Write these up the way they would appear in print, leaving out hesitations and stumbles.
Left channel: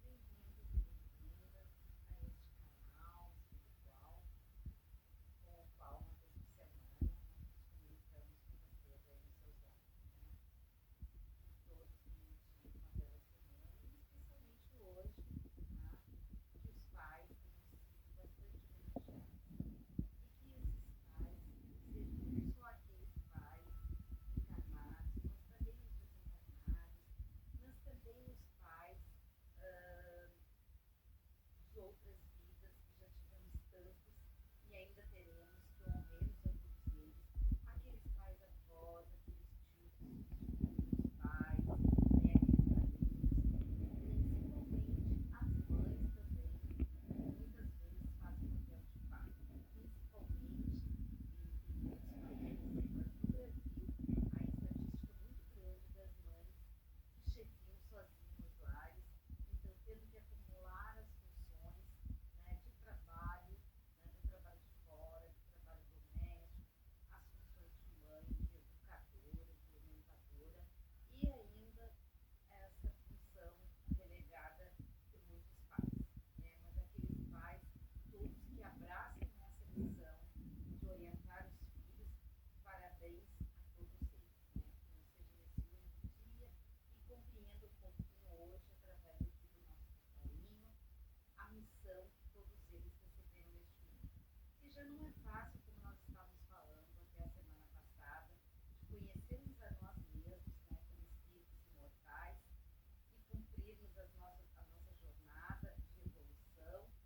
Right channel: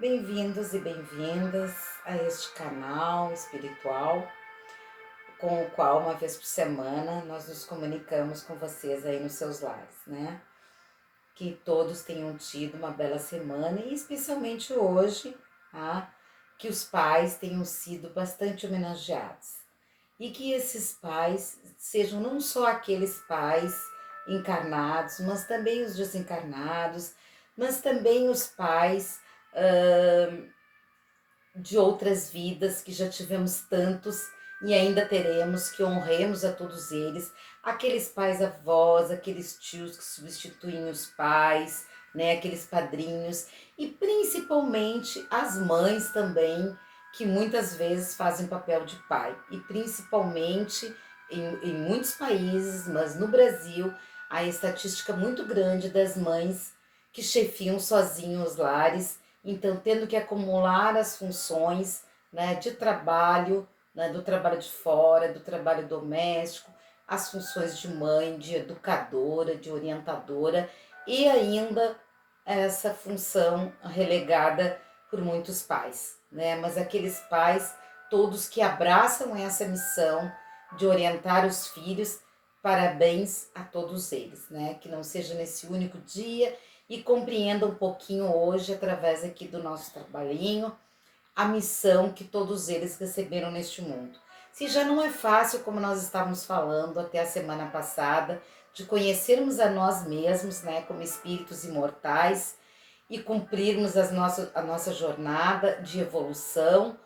Bem-vindos e bem-vindas a este canal espiritual, com o qual uma vez por semana nós nos comunicamos com vocês aí nos seus lares, né? Que todos tenham tido uma bela semana e especialmente hoje, tá? Que os pais tenham sido bastante homenageados e que esses pais sejam não só aqueles pais encarnados, mas também os desencarnados, mas também os pais de outras vidas que já tivemos tantos e ainda teremos, que honremos a todos eles, aqueles pais avós, aqueles tios que substituem os pais, né, aqueles padrinhos e principalmente as mães também, que muitas vezes fazem papel de pai e principalmente em muitos países, mas no Brasil, a estatística muito grande das mães que chefiam sozinhos os lares, então tendo que acumular as funções, né, de trabalho, né, do trabalho de fora, do trabalho doméstico, as funções de mãe, de educadora, de orientadora e ainda essa função relegada por muitos pais, né? Mas aqueles pais todos que abraçam essa missão de orientar os filhos, parabéns a todos eles, né? Que não seja nesse único dia e compreenda um pouquinho hoje, através aqui do nosso trabalhinho, a missão que todos eles receberam neste mundo. Se já não é fácil, como nós estávamos falando até a semana passada, de conhecermos a nós mesmos, né, como espíritos imortais e cumprirmos a nossa jornada de evolução,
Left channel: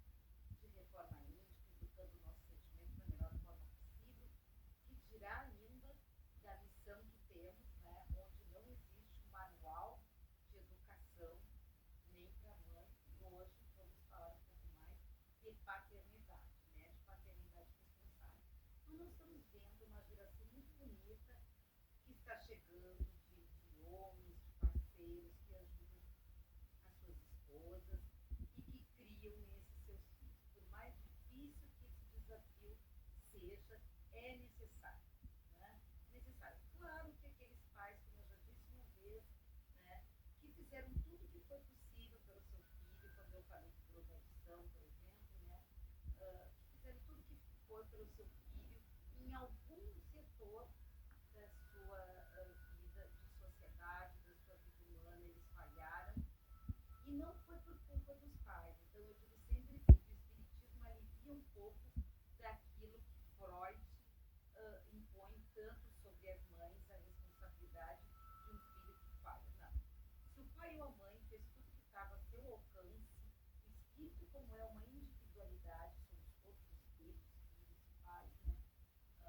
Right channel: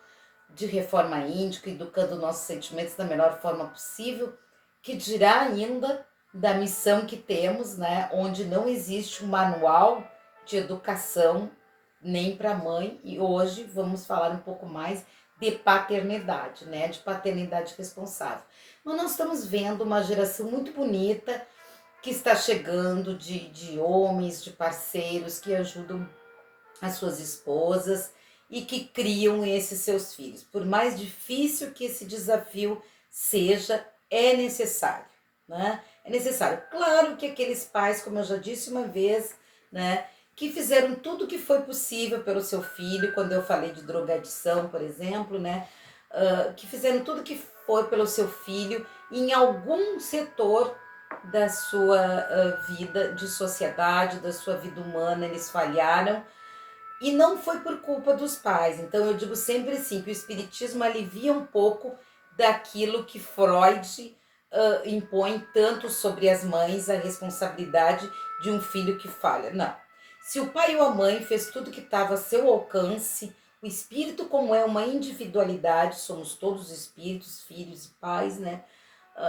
de reforma índica, educando nossos sentimentos da melhor forma possível, que dirá ainda da missão que temos, né, onde não existe um manual de educação nem para a mãe, e hoje vamos falar um pouco mais de paternidade, né, de paternidade responsável. Mas nós estamos vendo uma geração muito bonita que está chegando de homens, de parceiros que ajudam as suas esposas e que criam esses seus filhos. Por mais difícil que esse desafio seja, é necessário, né? É necessário. Claro que aqueles pais, como eu já disse uma vez, né, que fizeram tudo o que foi possível pelo seu filho, quando eu falei de drogadição, por exemplo, né, que fizeram tudo o que foi pelo seu filho, em algum setor da sua vida de sociedade, da sua vida humana, eles falharam e não foi por culpa dos pais. Então eu digo sempre assim, que o espiritismo alivia um pouco daquilo que Freud impõe tanto sobre as mães, a responsabilidade de um filho que falha. Não. Se o pai ou a mãe fez tudo que estava a seu alcance, o espírito, como é uma individualidade, somos todos espíritos, filhos e pais, né?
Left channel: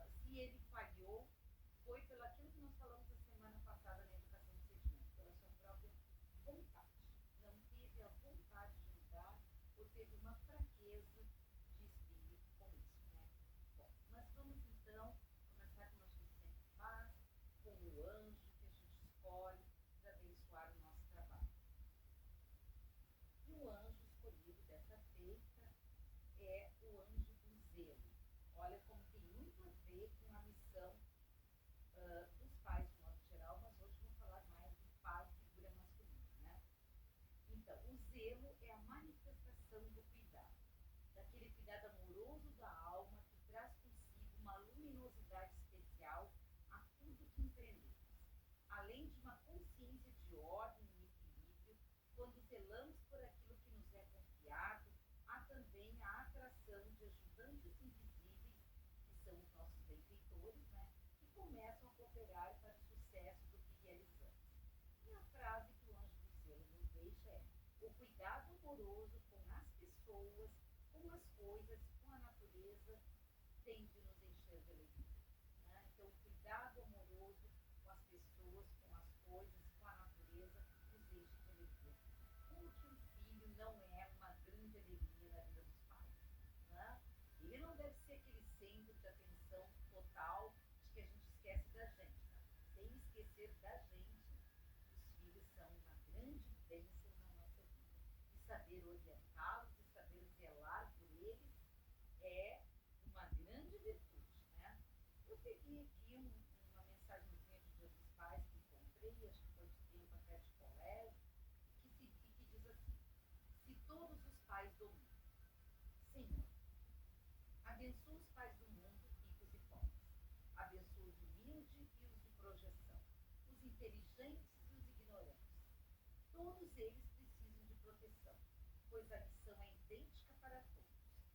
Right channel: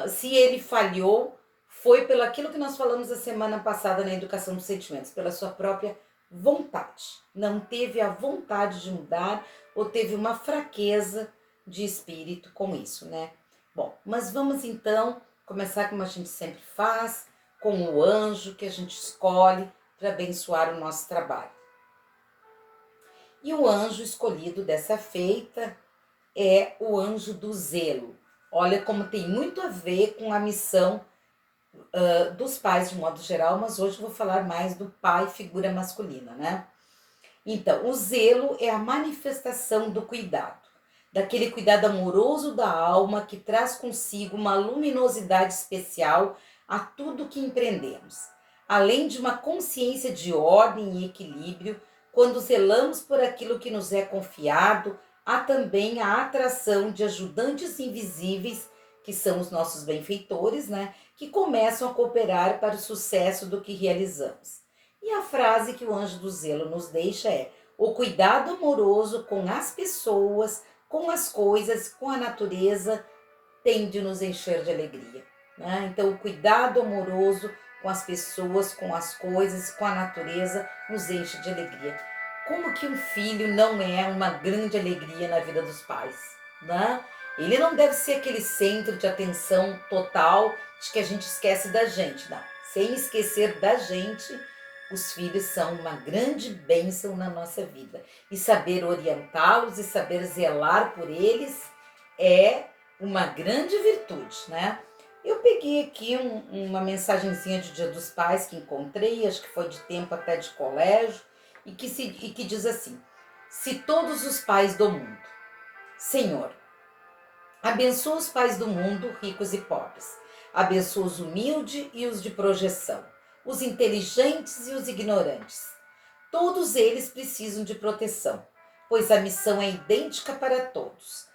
Se ele falhou, foi pelo aquilo que nós falamos a semana passada na educação dos sentimentos, pela sua própria vontade. Não teve a vontade de mudar ou teve uma fraqueza de espírito com isso, né? Bom, mas vamos então começar como a gente sempre faz, com o anjo que a gente escolhe para abençoar o nosso trabalho. E o anjo escolhido dessa feita é o anjo do zelo. Olha como tem muito a ver com a missão dos pais de modo geral, mas hoje eu vou falar mais do pai, figura masculina, né? Então, o zelo é a manifestação do cuidado, daquele cuidado amoroso da alma que traz consigo uma luminosidade especial a tudo que empreendemos, além de uma consciência de ordem e equilíbrio. Quando zelamos por aquilo que nos é confiado, há também a atração de ajudantes invisíveis, que são os nossos benfeitores, né, que começam a cooperar para o sucesso do que realizamos. E a frase que o anjo do zelo nos deixa é: o cuidado amoroso com as pessoas, com as coisas, com a natureza, tem de nos encher de alegria, né? Então, o cuidado amoroso com as pessoas, com as coisas, com a natureza, nos enche de alegria. Como que um filho não é uma grande alegria na vida dos pais, né? Ele não deve ser aquele centro de atenção total de que a gente esquece da gente, não. Sem esquecer da gente, os filhos são uma grande bênção na nossa vida. E saber orientá-los e saber zelar por eles é uma grande virtude, né? Eu peguei aqui uma mensagenzinha de Dia dos Pais que encontrei, acho que foi de tempo até de colégio, e que diz assim: se todos os pais do mundo. Senhor, abençoa os pais do mundo, ricos e pobres. Abençoa os humildes e os de projeção, os inteligentes e os ignorantes. Todos eles precisam de proteção, pois a missão é idêntica para todos.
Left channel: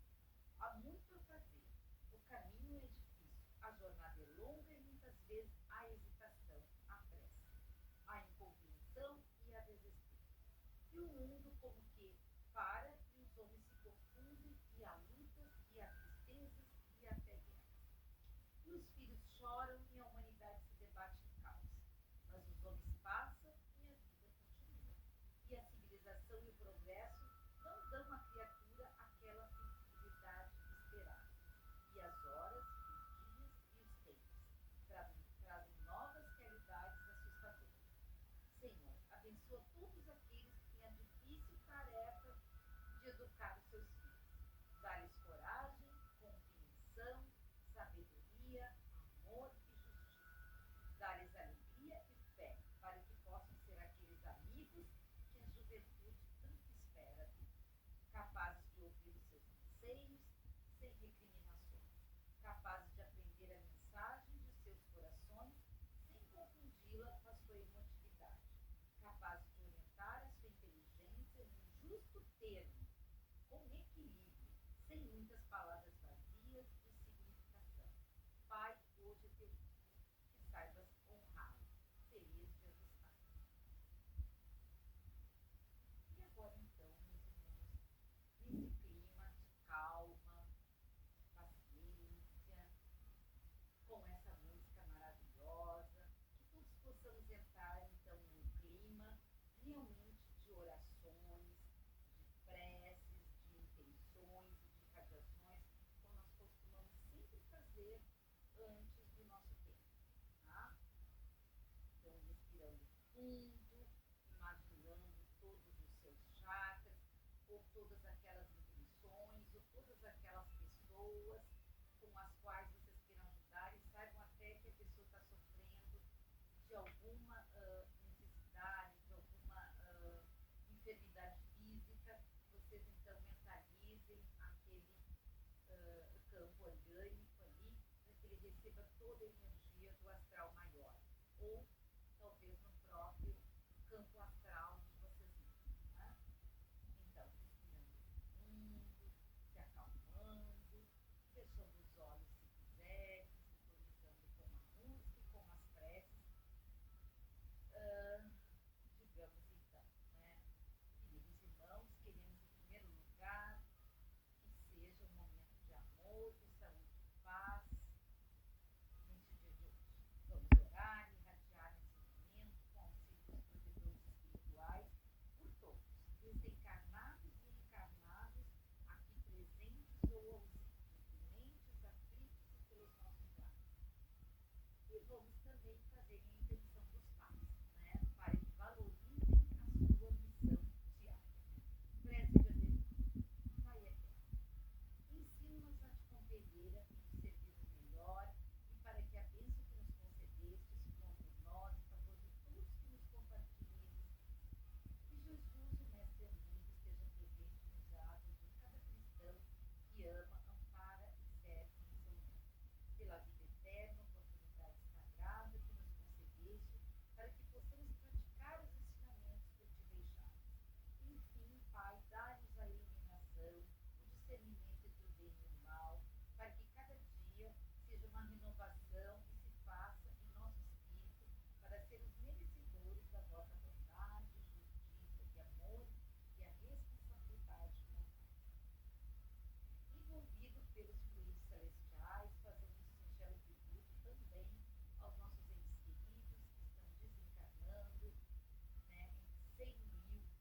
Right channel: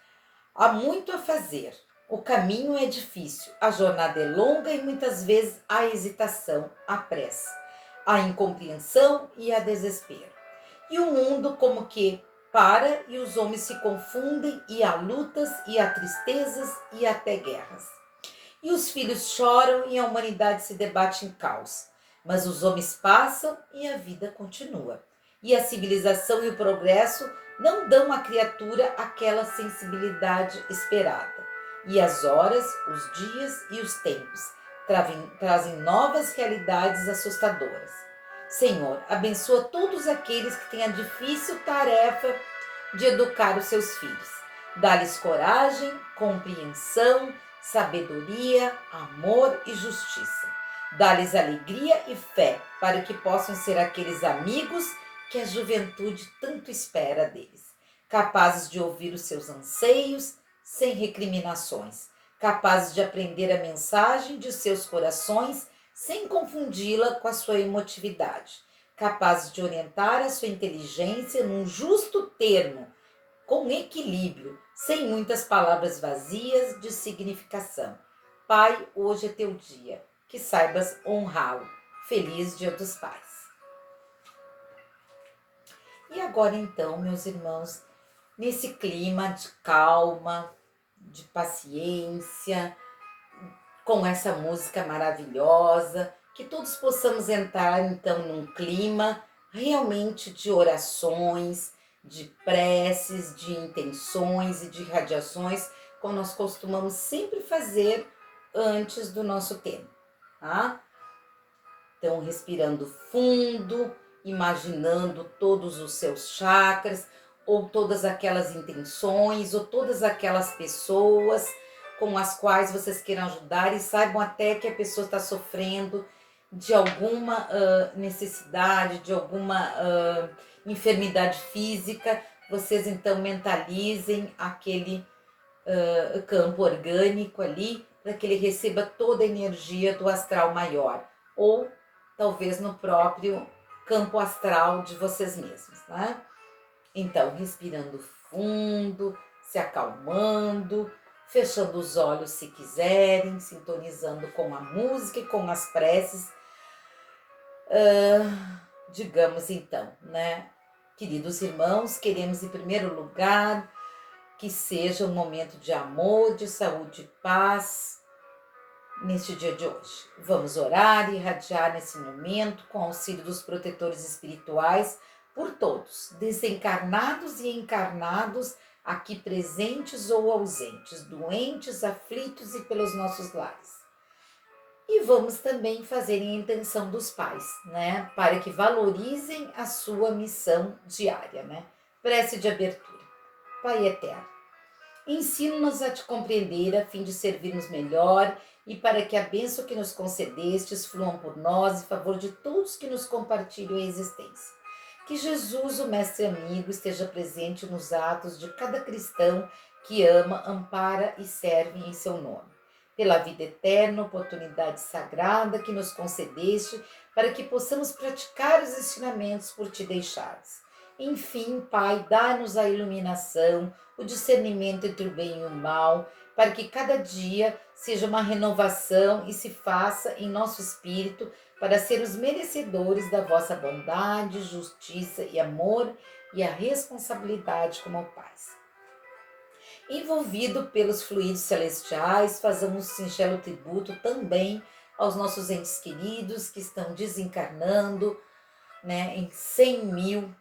Há muito a fazer. O caminho é difícil, a jornada é longa e muitas vezes há hesitação, há pressa, há incompreensão e há desespero. E o mundo como que para e os homens se confundem e há lutas e há tristezas e até guerras. E os filhos choram e a humanidade se debate em caos. Mas os homens passam e a vida continua. E a civilização e o progresso não dão à criatura aquela sensibilidade esperada. E as horas, os dias e os tempos trazem novas realidades assustadoras. Senhor, abençoa todos aqueles que têm a difícil tarefa de educar os seus filhos. Dá-lhes coragem, compreensão, sabedoria, amor e justiça. Dá-lhes alegria e fé para que possam ser aqueles amigos que a juventude tanto espera deles, capazes de ouvir os seus anseios sem recriminações, capazes de aprender a mensagem de seus corações sem confundi-la com a sua emotividade, capazes de orientar a sua inteligência num justo termo, com equilíbrio, sem muitas palavras vazias de significação. Pai, hoje é teu dia, que saibas honrá-lo. Feliz Dia dos Pais. E agora então, meus irmãos, nesse clima de calma, de paciência, com essa música maravilhosa, que todos possamos entrar então num clima realmente de orações, de preces, de intenções e de radiações, como nós costumamos sempre fazer antes do nosso tempo, tá? Então, respirando fundo, imaginando todos os seus chakras, ou todas aquelas intenções, ou todas aquelas pessoas com as quais vocês queiram ajudar e saibam até que a pessoa está sofrendo de alguma necessidade, de alguma enfermidade física. Vocês então mentalizem aquele campo orgânico ali para que ele receba toda a energia do astral maior, ou talvez no próprio campo astral de vocês mesmos, né? Então, respirando fundo, se acalmando, fechando os olhos se quiserem, sintonizando com a música e com as preces. Digamos então, né? Queridos irmãos, queremos em primeiro lugar que seja um momento de amor, de saúde e paz neste dia de hoje. Vamos orar e irradiar nesse momento com auxílio dos protetores espirituais por todos, desencarnados e encarnados, aqui presentes ou ausentes, doentes, aflitos e pelos nossos lares. E vamos também fazer a intenção dos pais, né? Para que valorizem a sua missão diária, né? Prece de abertura. Pai eterno, ensina-nos a te compreender a fim de servirmos melhor e para que a bênção que nos concedestes fluam por nós em favor de todos que nos compartilham a existência. Que Jesus, o Mestre amigo, esteja presente nos atos de cada cristão que ama, ampara e serve em seu nome. Pela vida eterna, oportunidade sagrada que nos concedeste, para que possamos praticar os ensinamentos por ti deixados. Enfim, Pai, dá-nos a iluminação, o discernimento entre o bem e o mal, para que cada dia seja uma renovação e se faça em nosso espírito para sermos merecedores da vossa bondade, justiça e amor e a responsabilidade como pais. Envolvido pelos fluidos celestiais, fazemos um singelo tributo também aos nossos entes queridos que estão desencarnando, né, em 100 mil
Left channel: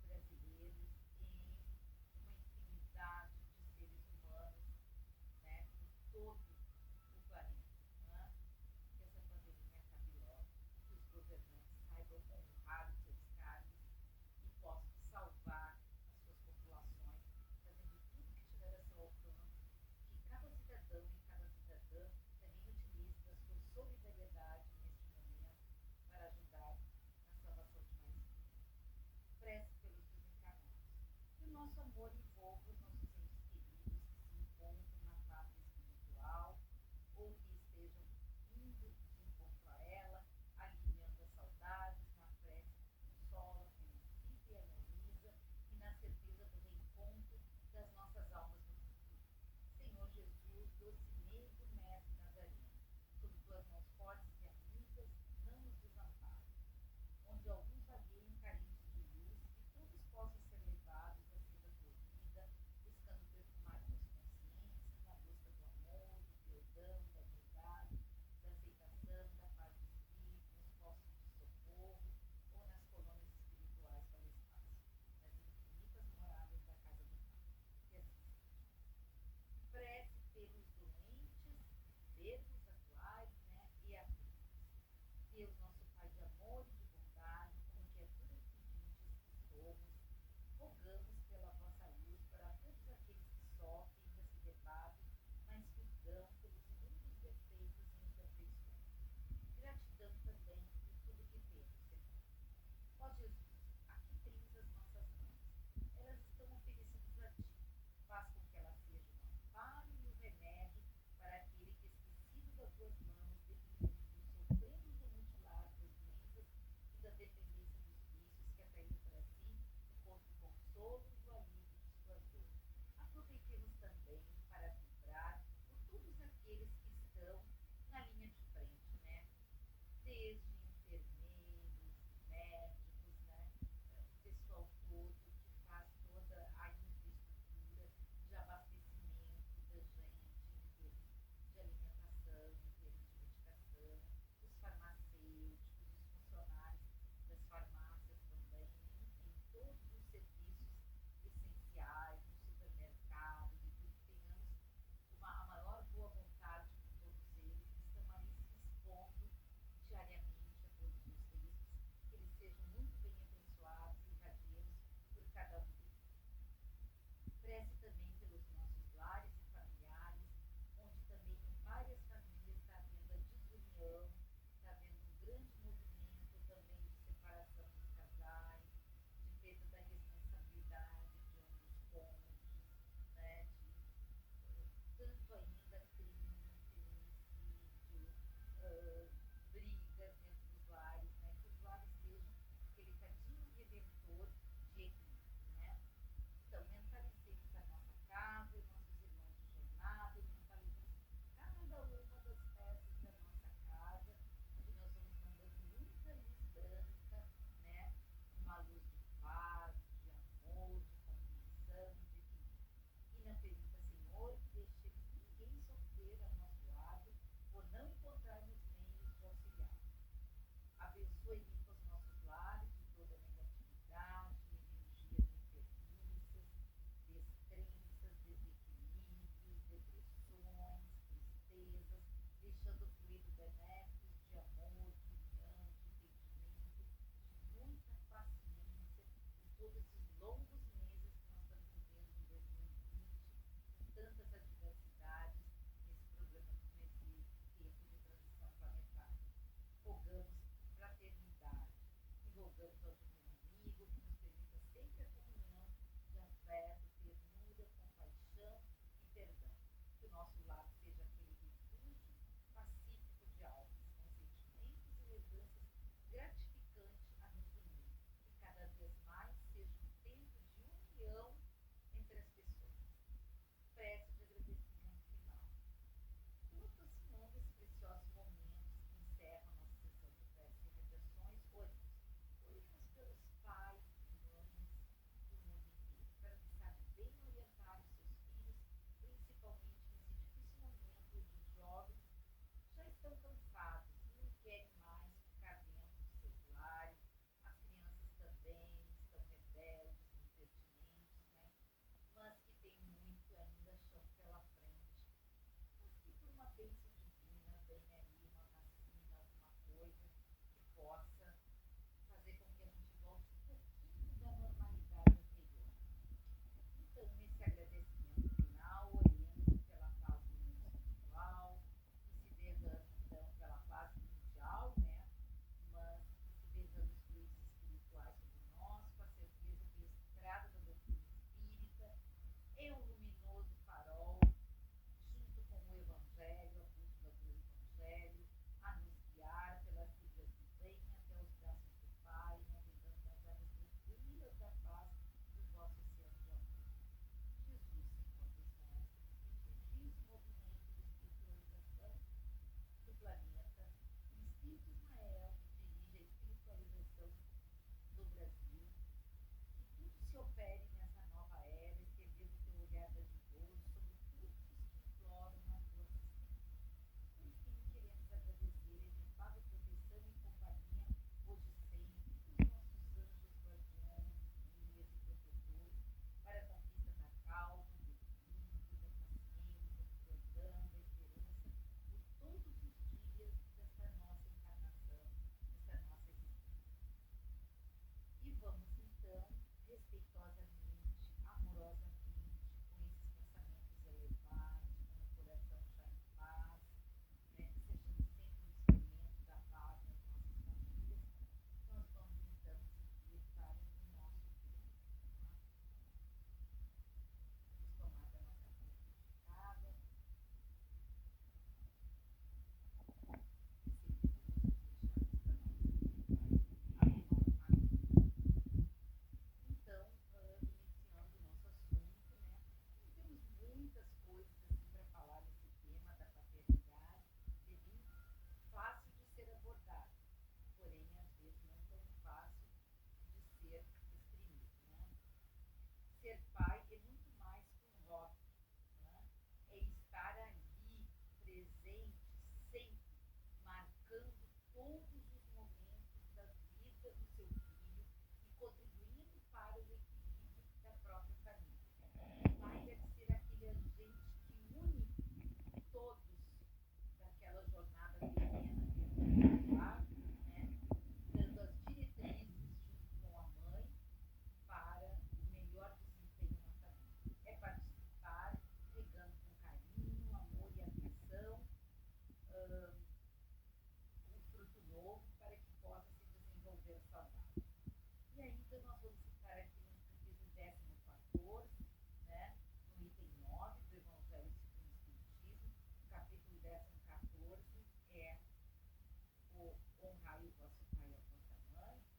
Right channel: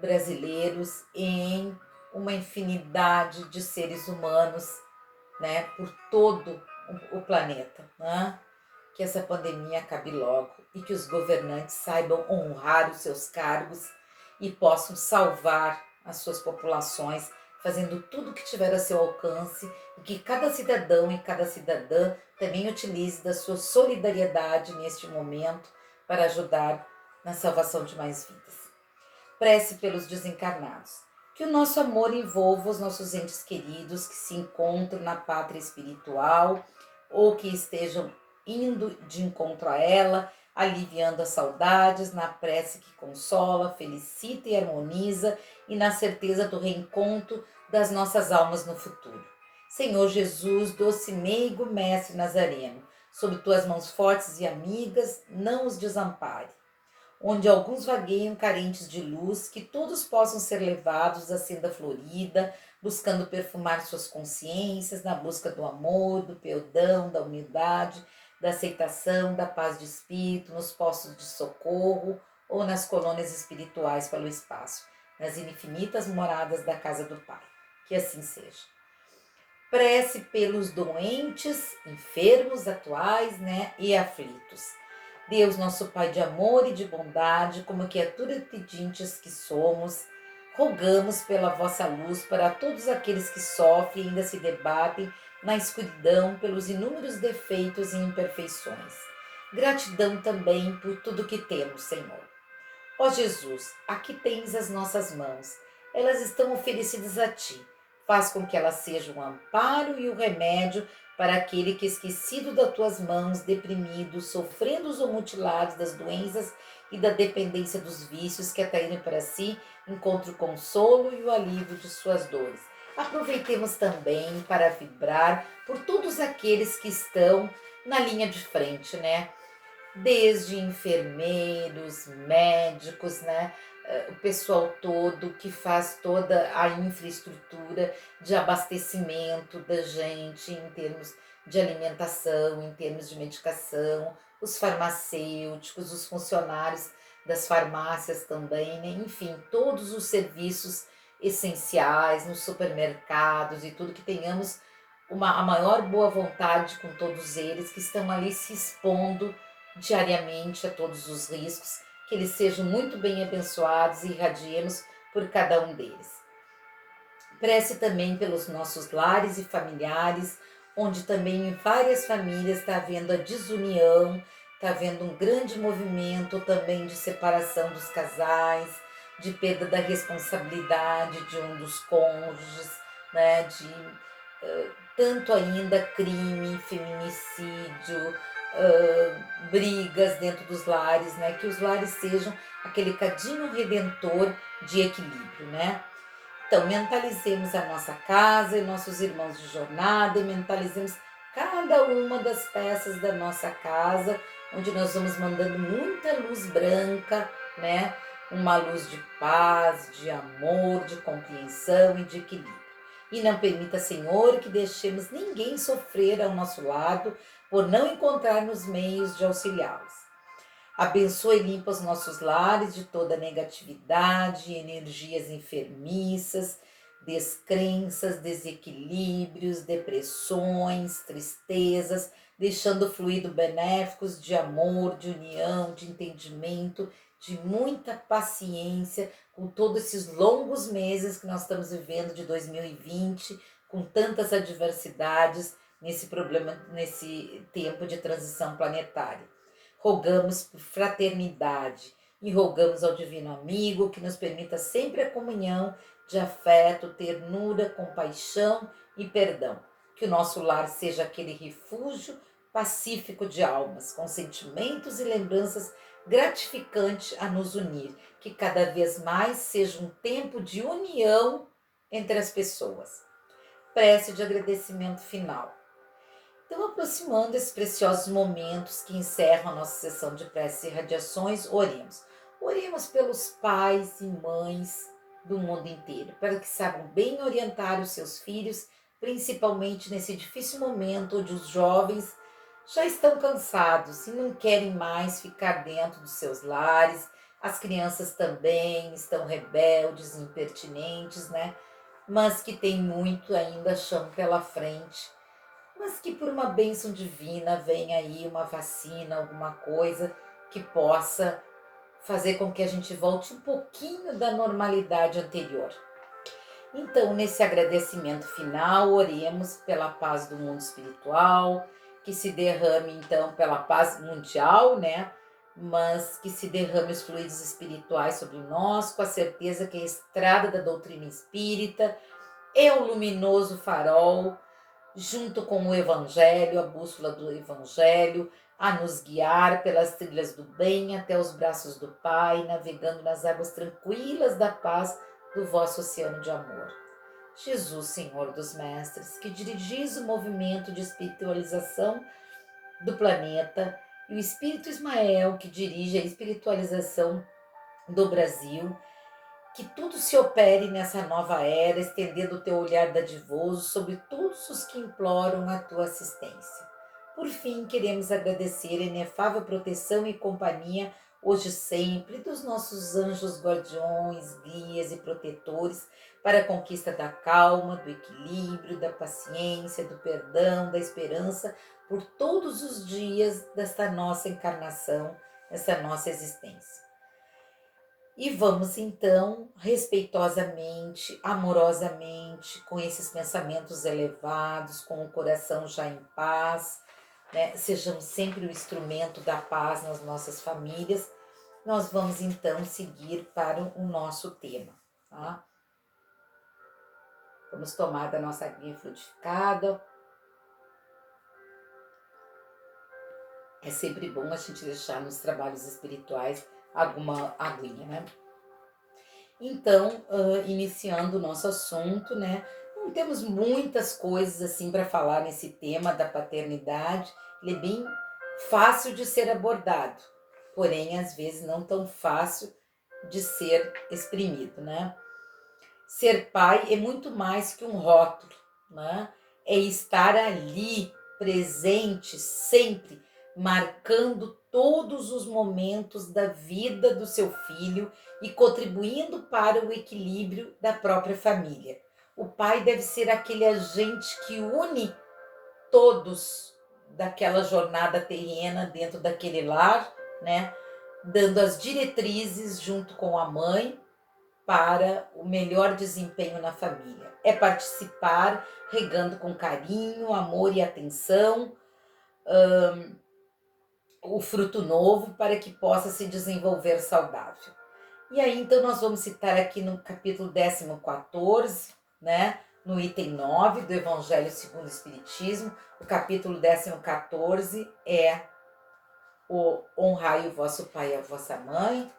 brasileiros, em uma infinidade de seres humanos, né, por todo o planeta, né? Que essa pandemia acabe logo e que os governantes saibam honrar os seus cargos e possam salvar as suas populações, fazendo tudo o que tiver a seu alcance, e que cada cidadão e cada cidadã também utilize da sua solidariedade neste momento para ajudar na salvação de mais vidas. Prece pelos desencarnados. Que o nosso amor envolva os nossos entes queridos que se encontram na pátria espiritual ou que estejam indo de encontro a ela, aliviando as saudades na prece que consola, felicita e harmoniza e na certeza do reencontro das nossas almas no futuro. Senhor Jesus, doce meigo mestre Nazareno, sob tuas mãos fortes e amigas, não os desampare. Onde alguns vagueiam carentes de luz, que todos possam ser levados à senda florida, buscando perfumar suas consciências na busca do amor, do perdão, da humildade, da aceitação, da paz de espírito, nos postos de socorro ou nas colônias espirituais pelo espaço, nas infinitas moradas da casa do Pai. Que assim seja. Prece pelos doentes, enfermos atuais, e aflitos. Deus, nosso Pai de amor e de bondade, como criaturas pedintes que somos, rogamos pela vossa luz para todos aqueles que sofrem e ainda se debatem na escuridão pelos inúmeros defeitos e imperfeições. Gratidão também por tudo que temos, Senhor. Ó Jesus, aqui tens as nossas mãos. Elas estão oferecidas a Ti. Faz com que elas sejam o amparo e o remédio para aquele que, esquecido das Tuas mãos, deprimido, sofrendo ou mutilado das doenças e da dependência dos vícios que atraíram para si, encontre o consolo e o alívio de suas dores. Aproveitemos também para vibrar por todos aqueles que estão na linha de frente, Desde enfermeiros, médicos, o pessoal todo que faz toda a infraestrutura de abastecimento da gente em termos de alimentação, em termos de medicação, os farmacêuticos, os funcionários das farmácias também, Enfim, todos os serviços essenciais nos supermercados e tudo, que tenhamos a maior boa vontade com todos eles que estão ali se expondo diariamente a todos os riscos, que eles sejam muito bem abençoados e irradiemos por cada um deles. Prece também pelos nossos lares e familiares, onde também em várias famílias está havendo a desunião, está havendo um grande movimento também de separação dos casais, de perda da responsabilidade de um dos cônjuges, de tanto ainda crime, feminicídio, brigas dentro dos lares, que os lares sejam aquele cadinho redentor de equilíbrio, Então, mentalizemos a nossa casa e nossos irmãos de jornada, e mentalizemos cada uma das peças da nossa casa, onde nós vamos mandando muita luz branca, Uma luz de paz, de amor, de compreensão e de equilíbrio. E não permita, Senhor, que deixemos ninguém sofrer ao nosso lado por não encontrarmos meios de auxiliá-los. Abençoe e limpa os nossos lares de toda negatividade, energias enfermiças, descrenças, desequilíbrios, depressões, tristezas, deixando fluido benéficos de amor, de união, de entendimento, de muita paciência com todos esses longos meses que nós estamos vivendo de 2020, com tantas adversidades nesse tempo de transição planetária. Rogamos por fraternidade e rogamos ao Divino Amigo que nos permita sempre a comunhão de afeto, ternura, compaixão e perdão. Que o nosso lar seja aquele refúgio pacífico de almas, com sentimentos e lembranças gratificantes a nos unir. Que cada vez mais seja um tempo de união entre as pessoas. Prece de agradecimento final. Então, aproximando esses preciosos momentos que encerram a nossa sessão de preces e radiações, oremos. Oremos pelos pais e mães do mundo inteiro, para que saibam bem orientar os seus filhos, principalmente nesse difícil momento onde os jovens já estão cansados e não querem mais ficar dentro dos seus lares. As crianças também estão rebeldes, impertinentes, Mas que tem muito ainda chão pela frente. Mas que por uma bênção divina venha aí uma vacina, alguma coisa que possa fazer com que a gente volte um pouquinho da normalidade anterior. Então, nesse agradecimento final, oremos pela paz do mundo espiritual, que se derrame então pela paz mundial, mas que se derrame os fluidos espirituais sobre nós, com a certeza que a estrada da doutrina espírita é o luminoso farol, junto com o Evangelho, a bússola do Evangelho, a nos guiar pelas trilhas do bem até os braços do Pai, navegando nas águas tranquilas da paz do vosso oceano de amor. Jesus, Senhor dos Mestres, que dirigis o movimento de espiritualização do planeta, e o Espírito Ismael, que dirige a espiritualização do Brasil, que tudo se opere nessa nova era, estendendo o teu olhar dadivoso sobre todos os que imploram a tua assistência. Por fim, queremos agradecer a inefável proteção e companhia, hoje e sempre, dos nossos anjos guardiões, guias e protetores para a conquista da calma, do equilíbrio, da paciência, do perdão, da esperança, por todos os dias desta nossa encarnação, desta nossa existência. E vamos então, respeitosamente, amorosamente, com esses pensamentos elevados, com o coração já em paz, né? Sejamos sempre o instrumento da paz nas nossas famílias. Nós vamos então seguir para o nosso tema, tá? Vamos tomar da nossa aguinha frutificada. É sempre bom a gente deixar nos trabalhos espirituais alguma aguinha, né? Então, iniciando o nosso assunto, né? Não temos muitas coisas assim para falar nesse tema da paternidade. Ele é bem fácil de ser abordado, porém, às vezes, não tão fácil de ser exprimido, né? Ser pai é muito mais que um rótulo, né? É estar ali, presente, sempre, marcando todos os momentos da vida do seu filho e contribuindo para o equilíbrio da própria família. O pai deve ser aquele agente que une todos daquela jornada terrena dentro daquele lar, né? Dando as diretrizes junto com a mãe para o melhor desempenho na família. É participar, regando com carinho, amor e atenção, o fruto novo para que possa se desenvolver saudável. E aí, então, nós vamos citar aqui no capítulo 14, né? No item 9 do Evangelho segundo o Espiritismo, o capítulo 14 é o honrai o vosso pai e a vossa mãe.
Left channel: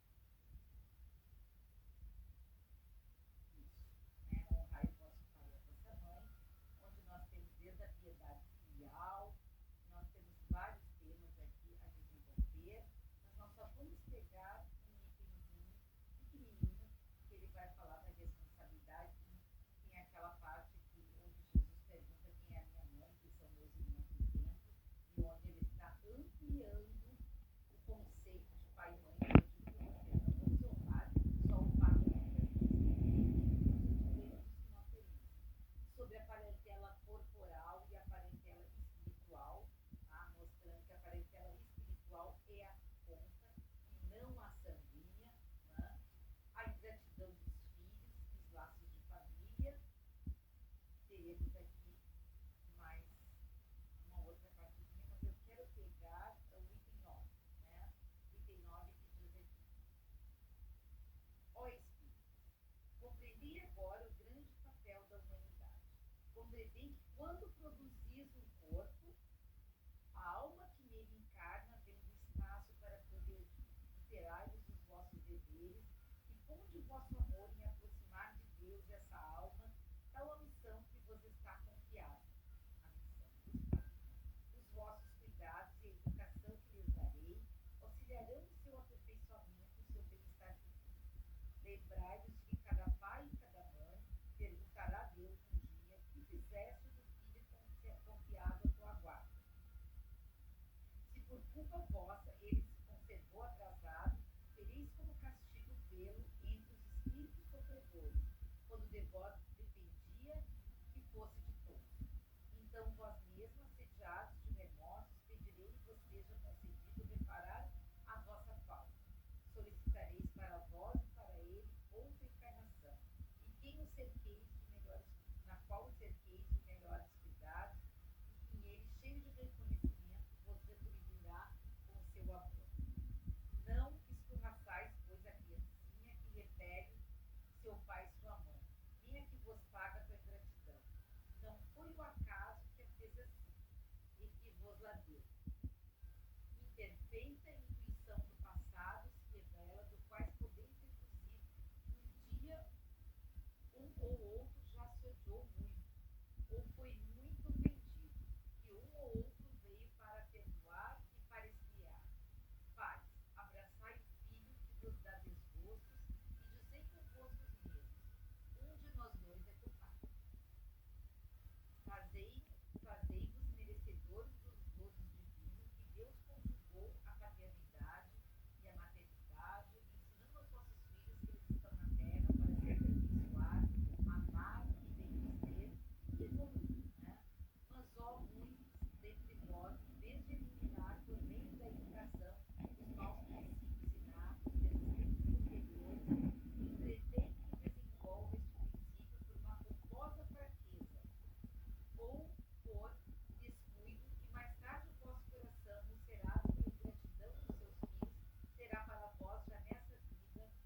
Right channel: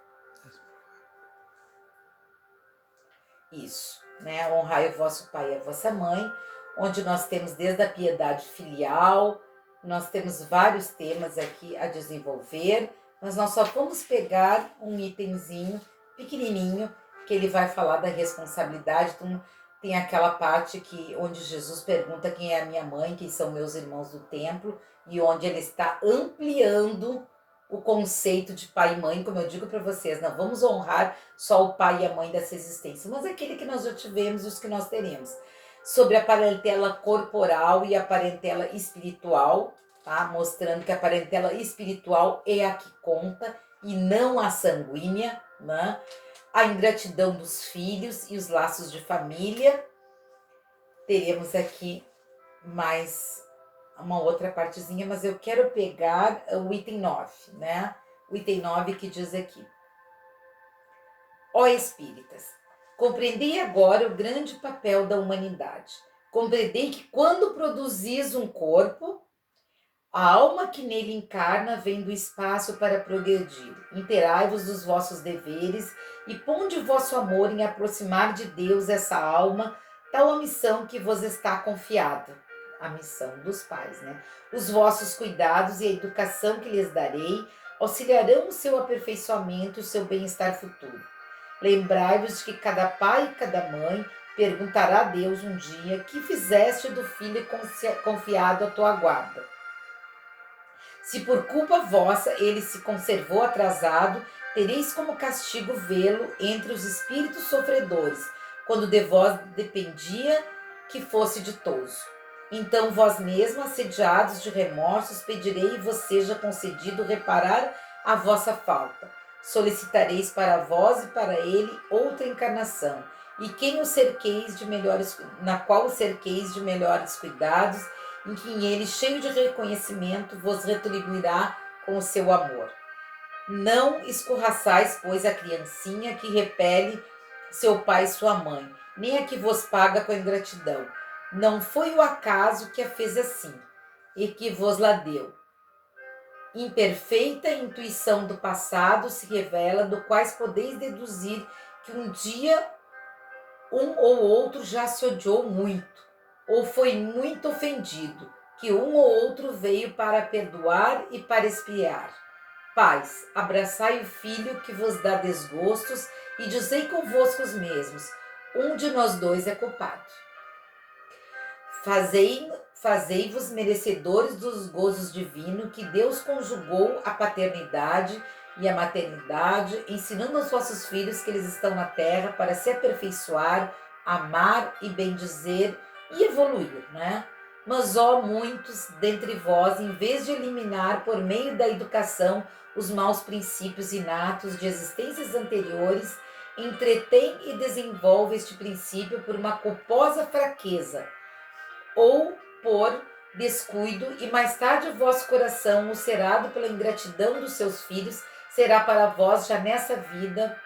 Isso, né? Honrai o vosso pai e a vossa mãe, onde nós temos desde a piedade filial, nós temos vários temas aqui a desenvolver, mas nós só vamos pegar um itemzinho pequenininho, que ele vai falar da responsabilidade. Então, tem aquela parte onde Jesus pergunta quem é a minha mãe, quem são meus irmãos do templo, e onde ele está ampliando o conceito de pai e mãe, como eu digo para vocês, não vamos honrar só o pai e a mãe dessa existência, mas aquele que nós já tivemos e os que nós teremos. Sobre a parentela corporal e a parentela espiritual, tá? Mostrando que a parentela espiritual é a que conta e não a sanguínea, né? A ingratidão dos filhos e os laços de família. Teremos aqui mais uma outra partezinha, mas eu quero pegar o item 9, né? O item 9 que diz aqui: ó espíritas, compreendei agora o grande papel da humanidade. Compreendei que quando produzis um corpo, a alma que nele encarna vem do espaço para progredir. Interai-vos dos vossos deveres e ponde o vosso amor em aproximar de Deus essa alma, tal a missão que vos está confiada. A missão dos pais, né? Os vossos cuidados e a educação que lhes darei auxiliarão o seu aperfeiçoamento e o seu bem-estar futuro. Lembrai-vos de que cada pai e cada mãe perguntará a Deus um dia que fizeste do filho confiado à tua guarda. Se por culpa vossa ele se conservou atrasado, tereis como castigo vê-lo entre os espíritos sofredores, quando de vós dependia que fosse ditoso. Então vós mesmos, assediados de remorsos, pedirei e vos seja concedido reparar a vossa falta. Solicitareis para vós e para ele outra encarnação, e quem o cerqueis de melhores, na qual o cerqueis de melhores cuidados, em que ele, cheio de reconhecimento, vos retribuirá com o seu amor. Não escorraçais, pois, a criancinha que repele seu pai e sua mãe, nem a que vos paga com a ingratidão. Não foi o acaso que a fez assim, e que vos la deu. Imperfeita intuição do passado se revela, do quais podeis deduzir que um dia um ou outro já se odiou muito, ou foi muito ofendido, que um ou outro veio para perdoar e para expiar. Pais, abraçai o filho que vos dá desgostos e dizei convosco os mesmos, um de nós dois é culpado. Fazei-vos merecedores dos gozos divinos que Deus conjugou a paternidade e a maternidade, ensinando aos vossos filhos que eles estão na terra para se aperfeiçoar, amar e bendizer e evoluir, né? Mas, ó, muitos dentre vós, em vez de eliminar por meio da educação os maus princípios inatos de existências anteriores, entretém e desenvolve este princípio por uma culposa fraqueza, ou por descuido, e mais tarde o vosso coração, ulcerado pela ingratidão dos seus filhos, será para vós, já nessa vida,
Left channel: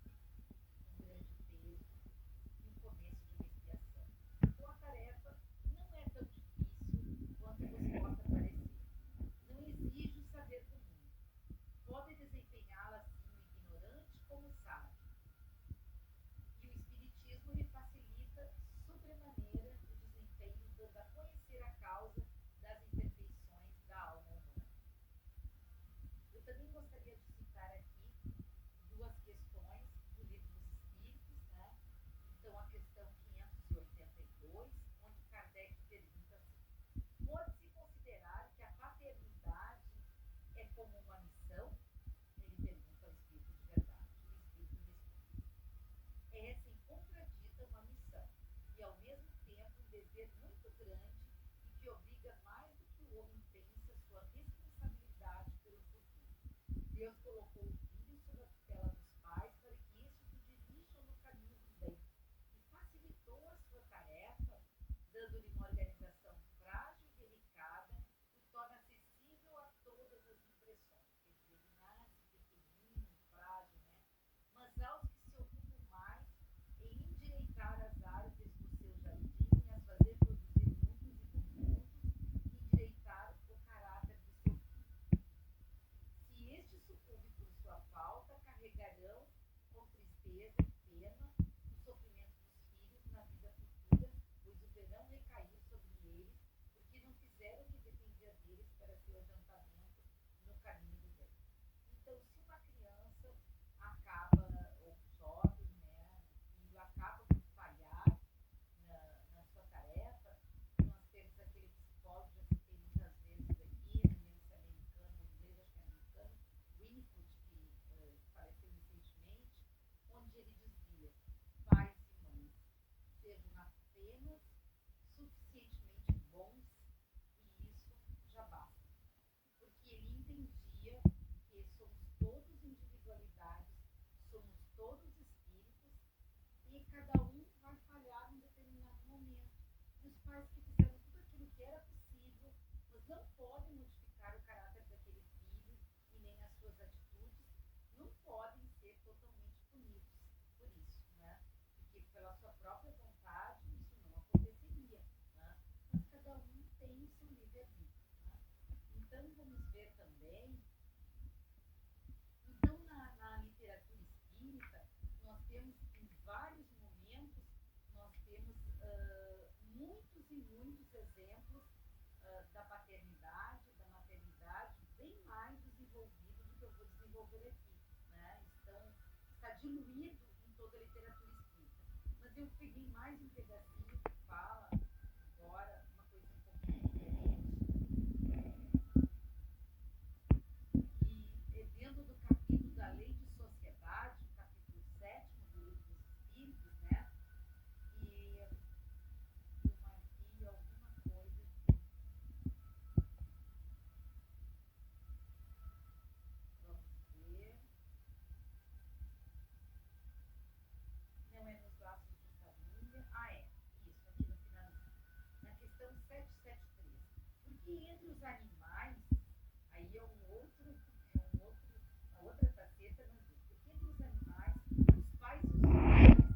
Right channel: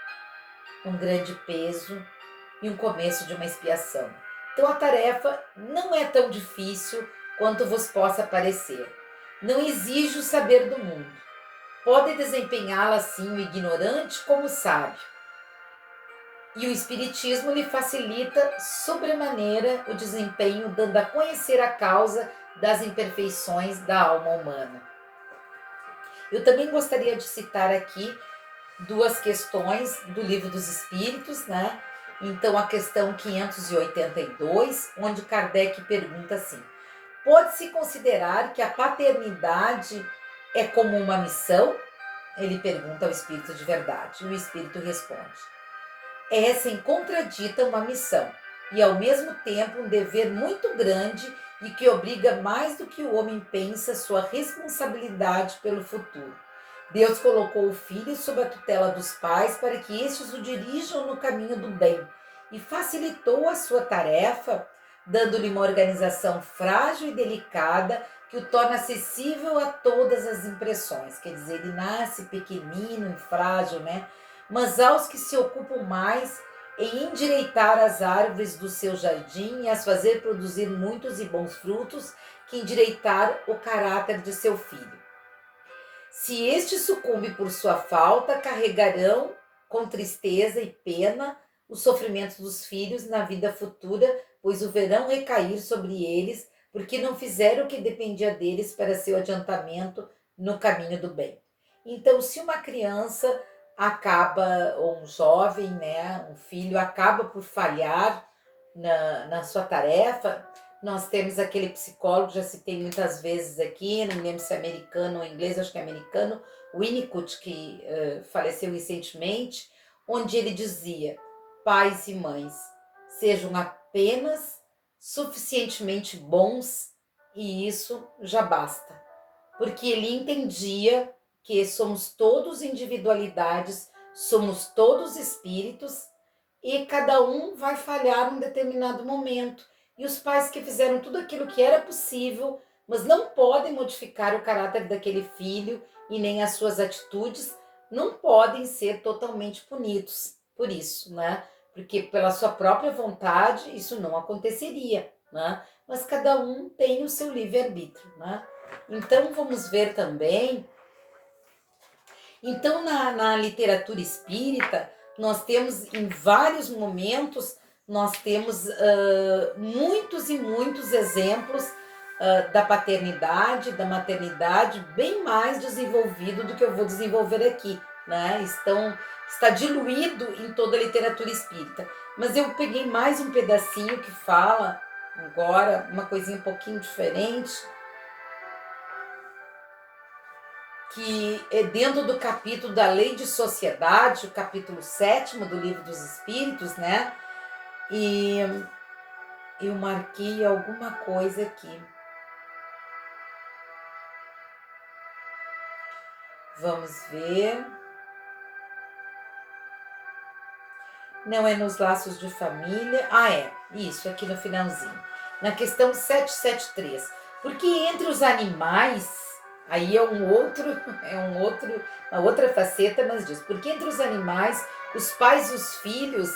um grande peso e um começo de uma expiação. Então a tarefa não é tão difícil quanto vos possa parecer. Não exige o saber do mundo. Pode desempenhá-la assim o ignorante como o sábio. E o Espiritismo lhe facilita sobremaneira o desempenho, dando a conhecer a causa das imperfeições da alma humana. Eu também gostaria de citar aqui duas questões do Livro dos Espíritos, né? Então, a questão 582, onde Kardec pergunta assim: pode-se considerar que a paternidade é como uma missão? Ele pergunta ao Espírito de verdade, e o Espírito responde: é sem contradita uma missão, e ao mesmo tempo um dever muito grande e que obriga mais do que o homem pensa sua responsabilidade pelo futuro. Deus colocou o filho sob a tutela dos pais para que estes o dirijam no caminho do bem e facilitou a sua tarefa, dando-lhe uma organização frágil e delicada que o torna acessível a todas as impressões. Quer dizer, ele nasce pequenino e frágil, né? Mas aos que se ocupam mais em endireitar as árvores do seu jardim e as fazer produzir muitos e bons frutos, que endireitar o caráter de seu filho. Se este sucumbe por sua falta, carregarão com tristeza e pena os sofrimentos dos filhos na vida futura, pois o verão recair sobre eles, porque não fizeram o que dependia deles para seu adiantamento no caminho do bem. Então, se uma criança acaba, ou um jovem, né, um filho, acaba por falhar na sua tarefa, nós temos aquele psicólogo, já citei muitas vezes aqui, não me lembro se é americano ou inglês, acho que é americano, Winnicott, que faleceu recentemente, onde ele dizia: pais e mães, sejam apenas suficientemente bons e isso já basta. Porque ele entendia que somos todos individualidades, somos todos espíritos e cada um vai falhar num determinado momento. E os pais que fizeram tudo aquilo que era possível, mas não podem modificar o caráter daquele filho e nem as suas atitudes, não podem ser totalmente punidos por isso, né? Porque pela sua própria vontade isso não aconteceria, né? Mas cada um tem o seu livre-arbítrio, né? Então vamos ver também. Então na literatura espírita nós temos em vários momentos, nós temos muitos e muitos exemplos da paternidade, da maternidade, bem mais desenvolvido do que eu vou desenvolver aqui, né? Está diluído em toda a literatura espírita. Mas eu peguei mais um pedacinho que fala agora uma coisinha um pouquinho diferente, que é dentro do capítulo da Lei de Sociedade, o capítulo 7º do Livro dos Espíritos, né? E eu marquei alguma coisa aqui. Vamos ver. Não é nos laços de família. Ah, é. Isso, aqui no finalzinho. Na questão 773. Porque entre os animais, Aí uma outra faceta, mas diz, porque entre os animais, os pais e os filhos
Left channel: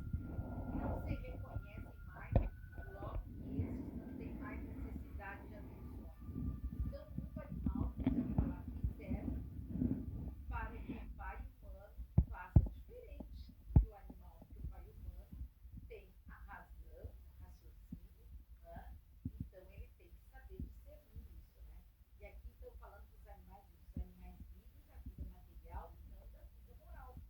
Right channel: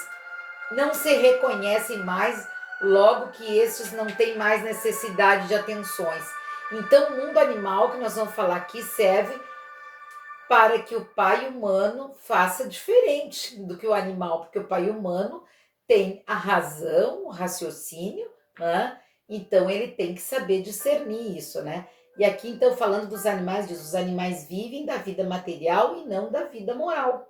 não se reconhecem mais, logo que estes não têm mais necessidade de atenções. Então, o mundo animal, que nós vamos falar aqui, serve para que o pai humano faça diferente do que o animal, porque o pai humano tem a razão, o raciocínio, né? Então ele tem que saber discernir isso, né? E aqui então falando dos animais, diz, os animais vivem da vida material e não da vida moral.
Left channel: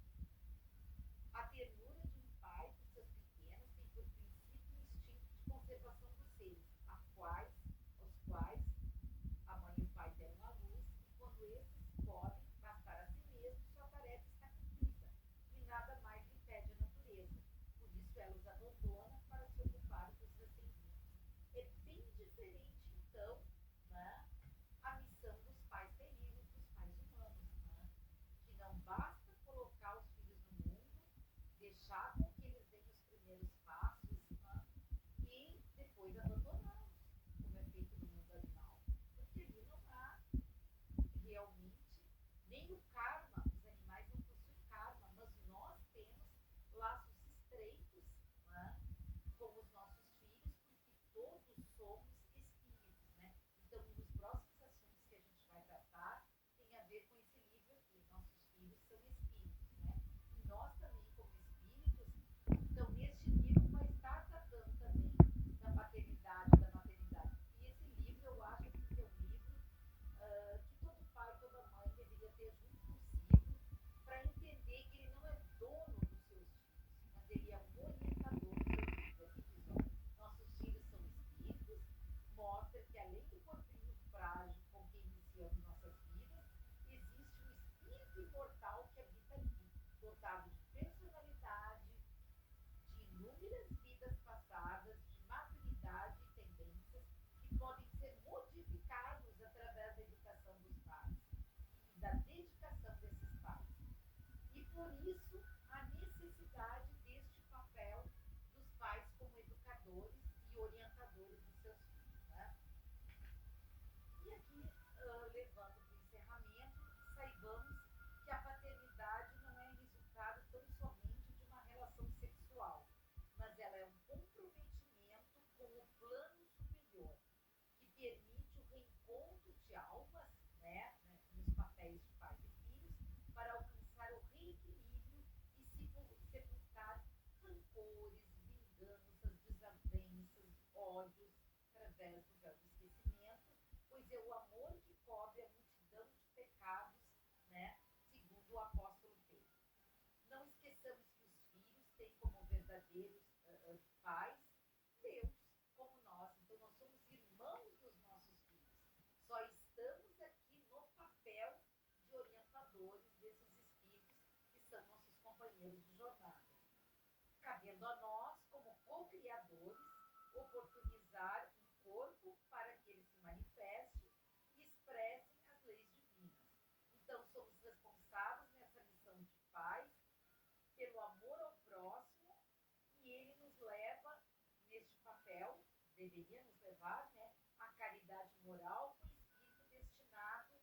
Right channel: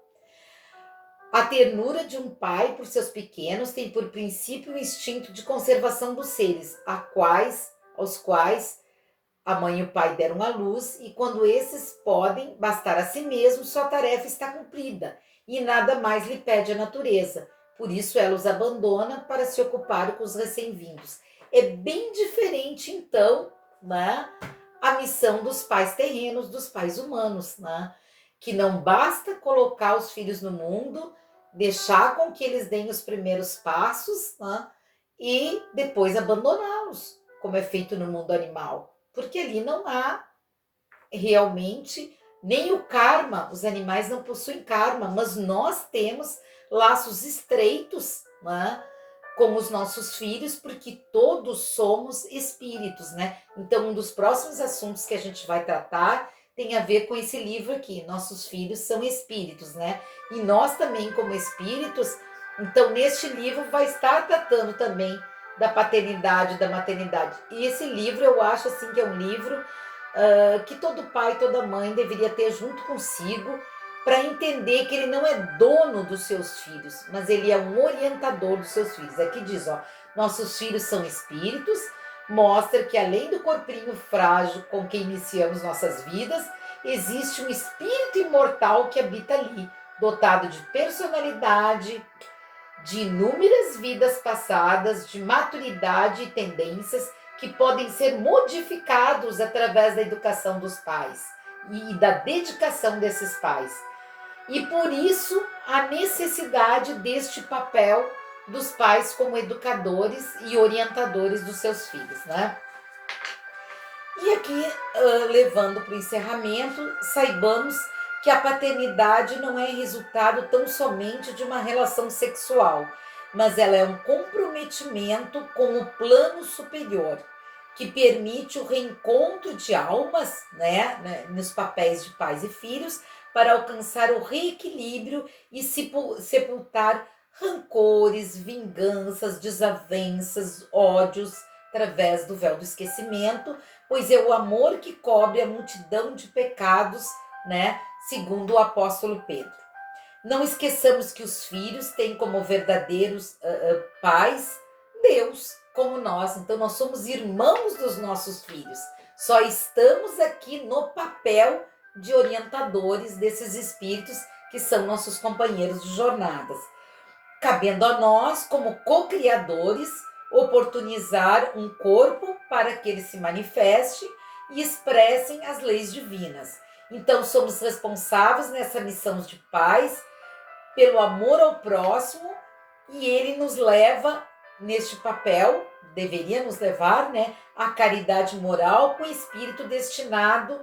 A ternura de um pai por seus pequenos tem por princípio o instinto de conservação dos seres, aos quais a mãe e o pai deram à luz, e quando esses podem bastar a si mesmos, sua tarefa está cumprida, e nada mais lhe pede a natureza. Por isso ela os abandona para se ocupar com os recém-vindos. É bem diferente, então, né, a missão dos pais terrenos, dos pais humanos, né? Que não basta colocar os filhos no mundo, deixar com que eles deem os primeiros passos, né, e depois abandoná-los, como é feito no mundo animal. Porque ali não há realmente nem o karma, os animais não possuem karma, mas nós temos laços estreitos, né, com os nossos filhos, porque todos somos espíritos, né? Então, um dos próximos assuntos que a gente vai tratar tem a ver com esse livro aqui, Nossos Filhos São Espíritos, né? E nós também, como espíritos, então neste livro vai estar tratando também da paternidade, da maternidade. E esse livro eu acho assim que é um livro que todo pai, toda mãe deveria ter junto consigo, para entender que ele não é dono dos seus filhos, mas ele é um orientador dos seus filhos. Aqui diz, ó, nossos filhos são espíritos, mostra que além do corpinho frágil com que iniciamos nossas vidas, existe um espírito imortal que habita ali, dotado de personalidade, de inúmeras vidas passadas, de maturidade e tendências que podem ser modificados através da educação dos pais e da dedicação desses pais. E por isso a necessidade deste papel dos pais como educadores e orientadores dos seus filhos, né? E aqui, levando para o encerramento, saibamos que a paternidade não é resultado tão somente de uma relação sexual, mas ela é um comprometimento com o plano superior, que permite o reencontro de almas, né, nos papéis de pais e filhos, para alcançar o reequilíbrio e sepultar rancores, vinganças, desavenças, ódios, através do véu do esquecimento, pois é o amor que cobre a multidão de pecados, né? Segundo o apóstolo Pedro. Não esqueçamos que os filhos têm como verdadeiros pais Deus, como nós. Então nós somos irmãos dos nossos filhos. Só estamos aqui no papel de orientadores desses espíritos que são nossos companheiros de jornadas. Cabendo a nós, como co-criadores, oportunizar um corpo para que ele se manifeste e expressem as leis divinas. Então, somos responsáveis nessa missão de pais pelo amor ao próximo, e ele nos leva neste papel, deveria nos levar, né, à caridade moral com o espírito destinado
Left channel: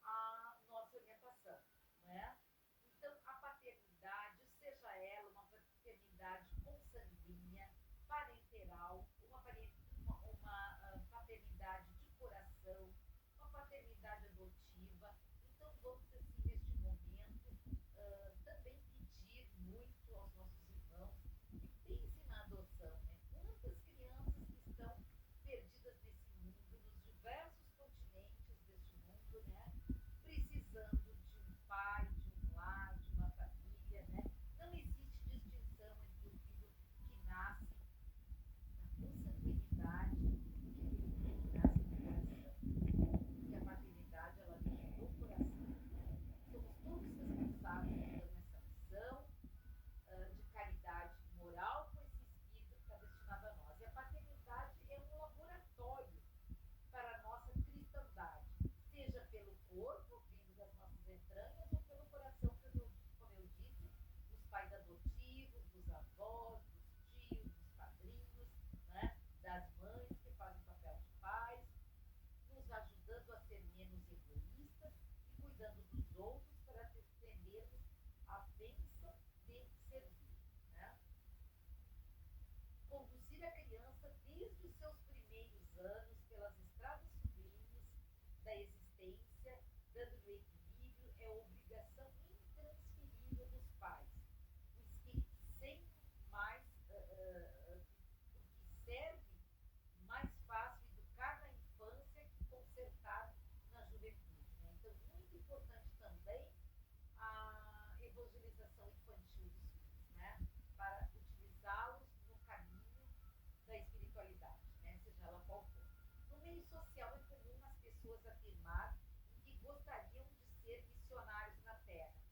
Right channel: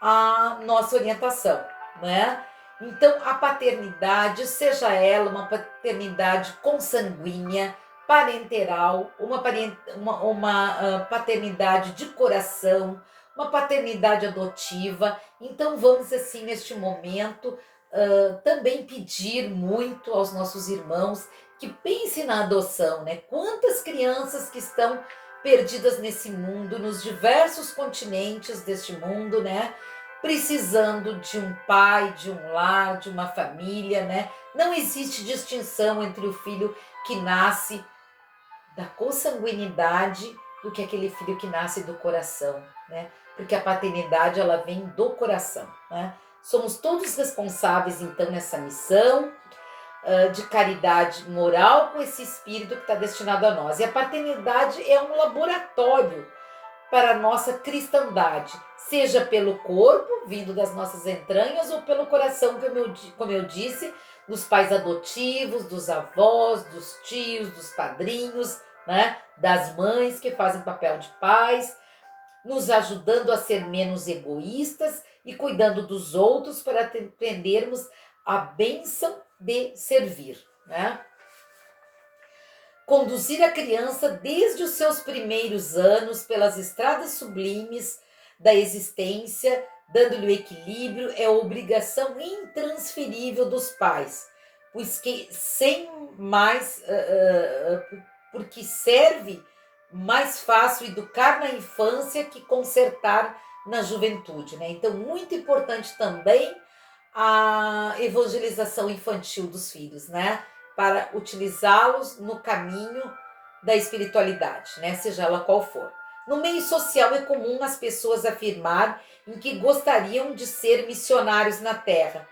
à nossa orientação, né? Então, a paternidade, seja ela uma paternidade consanguínea, parenteral, uma paternidade de coração, uma paternidade adotiva. Então vamos assim neste momento também pedir muito aos nossos irmãos que pensem na adoção, né? Quantas crianças que estão perdidas nesse mundo, nos diversos continentes deste mundo, né? Precisando de um pai, de um lar, de uma família, né? Não existe distinção entre o filho que nasce da consanguinidade do que aquele filho que nasce do coração, né? Porque a paternidade, ela vem do coração, né? Somos todos responsáveis, então, nessa missão de caridade moral com esse espírito que está destinado a nós. E a paternidade é um laboratório para a nossa cristandade, seja pelo corpo, vindo das nossas entranhas, ou pelo coração, como eu disse, dos pais adotivos, dos avós, dos tios, dos padrinhos, né? Das mães que fazem papel de pais, nos ajudando a ser menos egoístas e cuidando dos outros para aprendermos a bênção de servir, né? Conduzir a criança desde os seus primeiros anos pelas estradas sublimes da existência, dando-lhe o equilíbrio, é obrigação intransferível dos pais, pois que sem mais, porque serve mais fácil educar na infância que consertar na juventude, né? Então, muito importante também a evangelização infantil dos filhos, né? Para utilizá-los no caminho da espiritualidade, né? Seja ela qual for. No meio social é comum as pessoas afirmar em que gostariam de ser missionários na Terra,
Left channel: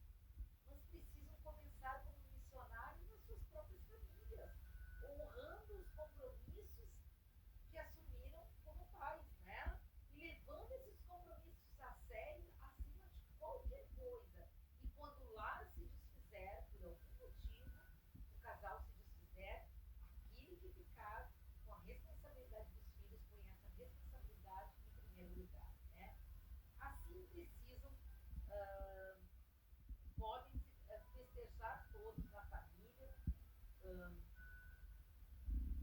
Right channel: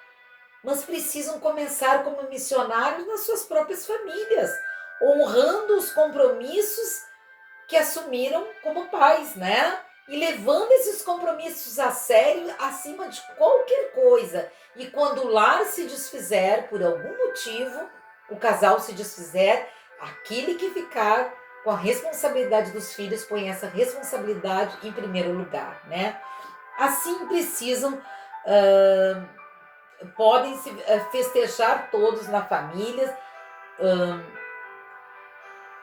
mas precisam começar como missionários nas suas próprias famílias, honrando os compromissos que assumiram como pais, né? E levando esses compromissos a sério acima de qualquer coisa. E quando o lar se desfizer por algum motivo, o casal se desfizer, aquele que ficar com a responsabilidade dos filhos põe essa responsabilidade em primeiro lugar, né? Assim precisam, podem se festejar todos na família,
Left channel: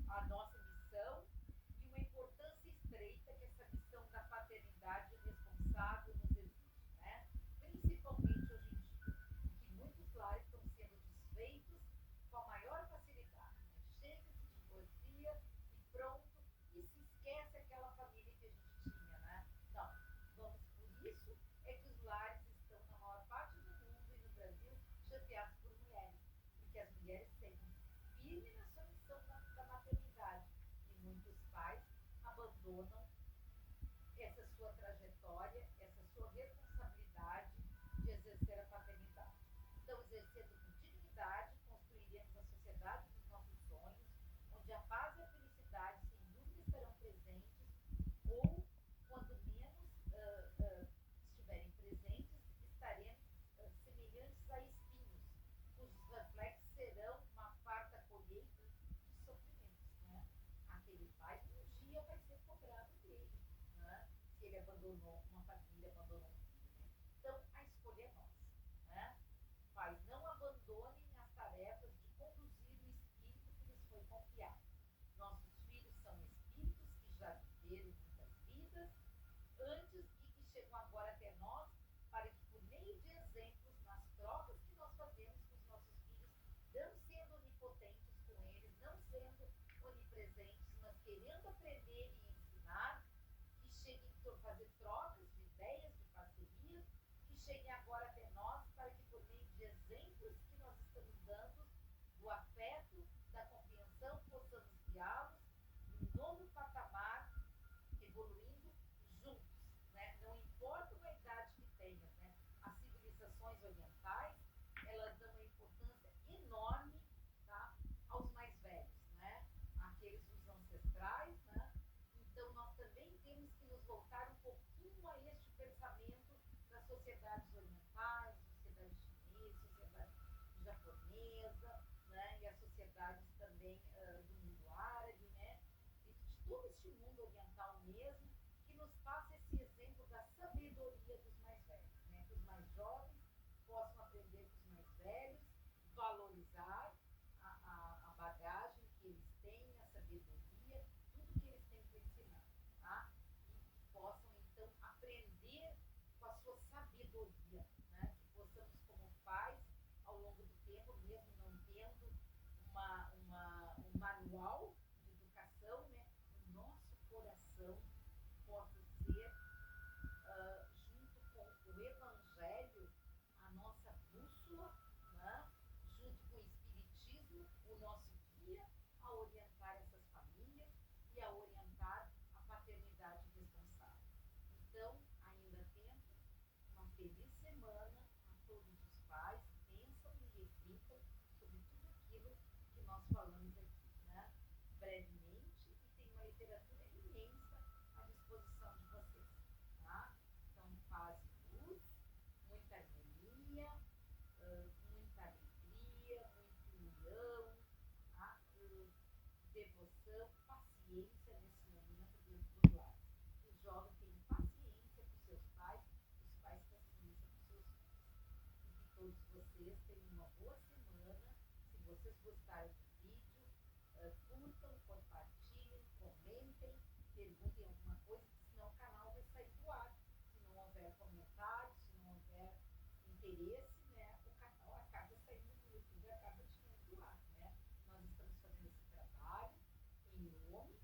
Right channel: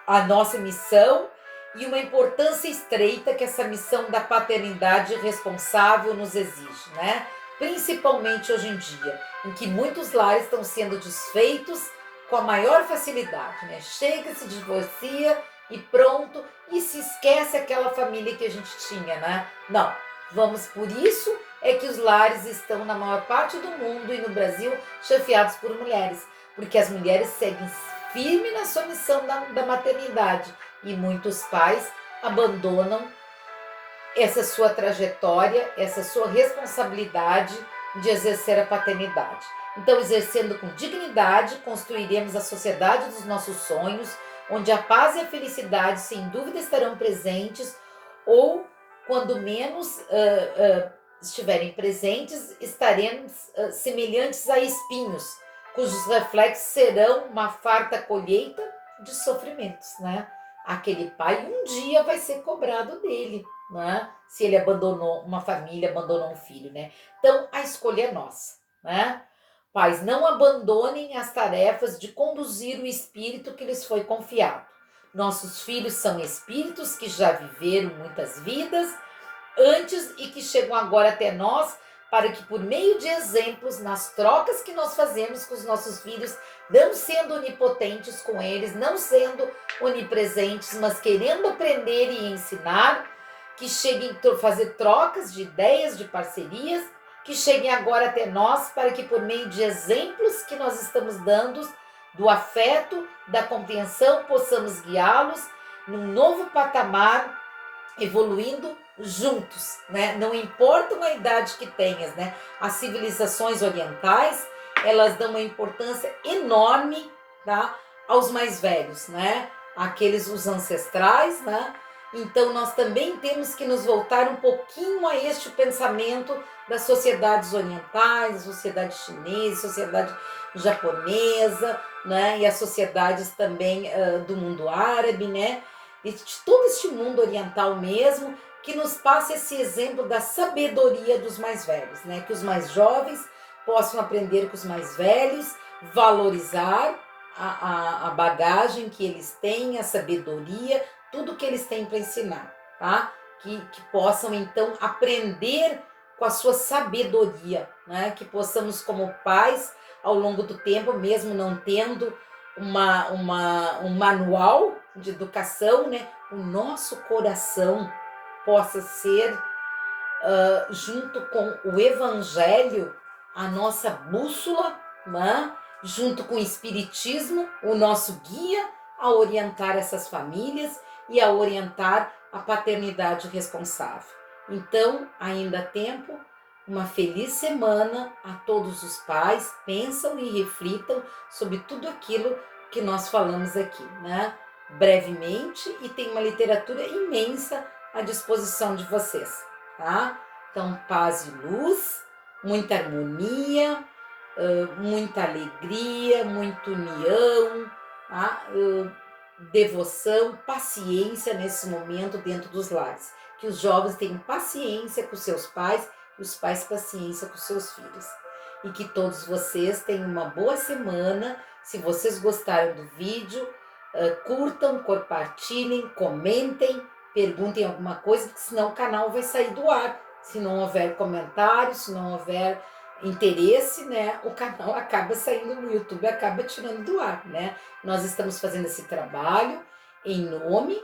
a nossa missão e uma importância estreita que essa missão da paternidade responsável nos exige, né? Principalmente hoje em dia, em que muitos lares estão sendo desfeitos com a maior facilidade, né? Chega, se divorcia e pronto, e se esquece aquela família que a gente tinha, né? Não, vamos por isso é que os lares estão na maior parte do mundo e no Brasil chefiados por mulheres, porque as mulheres seguem firme na sua missão da maternidade e muitos pais abandonam essa sua trajetória, essa sua responsabilidade de exercer a paternidade. Então, exercendo com dignidade, construiremos a sociedade dos nossos sonhos, onde a paz e a felicidade sem dúvida estarão presentes, ou quando menos estiverem presentes, estaremos semelhantes a espinhos, cujos reflexos serão uma farta colheita de sofrimentos, né? Aquele pai um dia vai ser cobrado dele, né? Se ele abandonou uma família, abandonou um filho, né? Então, a escolha é nossa, né? Pais, não abandonem as tarefas de conduzir o espírito que lhes foi confiado. Nossos filhos são espíritos que já viveram muitas vidas antes e que chegam agora até nós para que por meio de exemplos, nas trocas que nós fazemos com os nossos filhos, não sendo onipotentes com eles, não sendo onipresentes, mas querendo aprender e ensinar, que cheguem a fazer trocas de ideias, de parcerias, que cheguem agora até nós para que por meio de exemplos que nós estamos dando, do afeto, da compreensão, possamos guiá-los num novo patamar, evoluindo juntos, né? Não importa a idade que tenhas, né? As civilizações orientais, elas dão uma importância enorme, tá? Aos mais velhos, né? Aqueles, os ancestrais, né? Então, nós também temos que nos voltar um pouquinho a este pensamento das sociedades orientais, da sociedade chinesa, sociedade japonesa, né? E as sociedades também do mundo árabe, né? E de todo este mundo oriental mesmo, que nos passa esse exemplo da sabedoria dos mais velhos, né? Que os mais jovens possam aprender com os mais velhos, valorizar a bagagem que eles têm, a sabedoria, tudo que eles têm para ensinar, tá? Que possam então aprender com a sua sabedoria, né? Que possamos como pais, ao longo do tempo, mesmo não tendo um manual de educação, né? O nosso coração possa ser, junto com o Evangelho, a nossa bússola, né? Junto com o Espiritismo, o nosso guia a orientar essas famílias e a orientar a paternidade responsável. Então, ainda há tempo, uma feliz semana a todos os pais, pensam e reflitam sobre tudo aquilo que nós falamos aqui, né? Brevemente, e tem uma literatura imensa à disposição de vocês, tá? Então, paz e luz, muita harmonia, muita alegria, muita união, tá? Devoção, paciência nesse momento dentro dos lares. que os jovens tenham paciência com seus pais e os pais paciência com seus filhos. E que todos vocês tenham uma boa semana. Se vocês gostaram do vídeo, curtam, compartilhem, comentem, perguntem alguma coisa, porque senão o canal vai sair do ar. Se não houver comentário, se não houver interesse, né, o canal acaba saindo, o YouTube acaba tirando do ar, né? Nós estamos fazendo esse trabalho em nome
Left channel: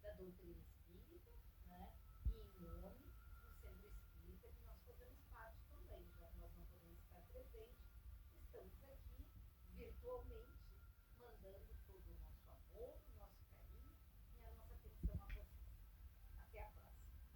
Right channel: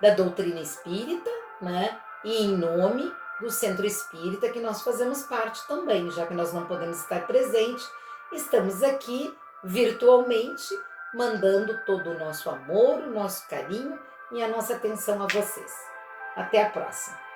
da doutrina espírita, né? E em nome do Centro Espírita, que nós fazemos parte também, já que nós não podemos estar presentes, estamos aqui virtualmente, mandando todo o nosso amor, o nosso carinho e a nossa atenção a vocês. Até a próxima!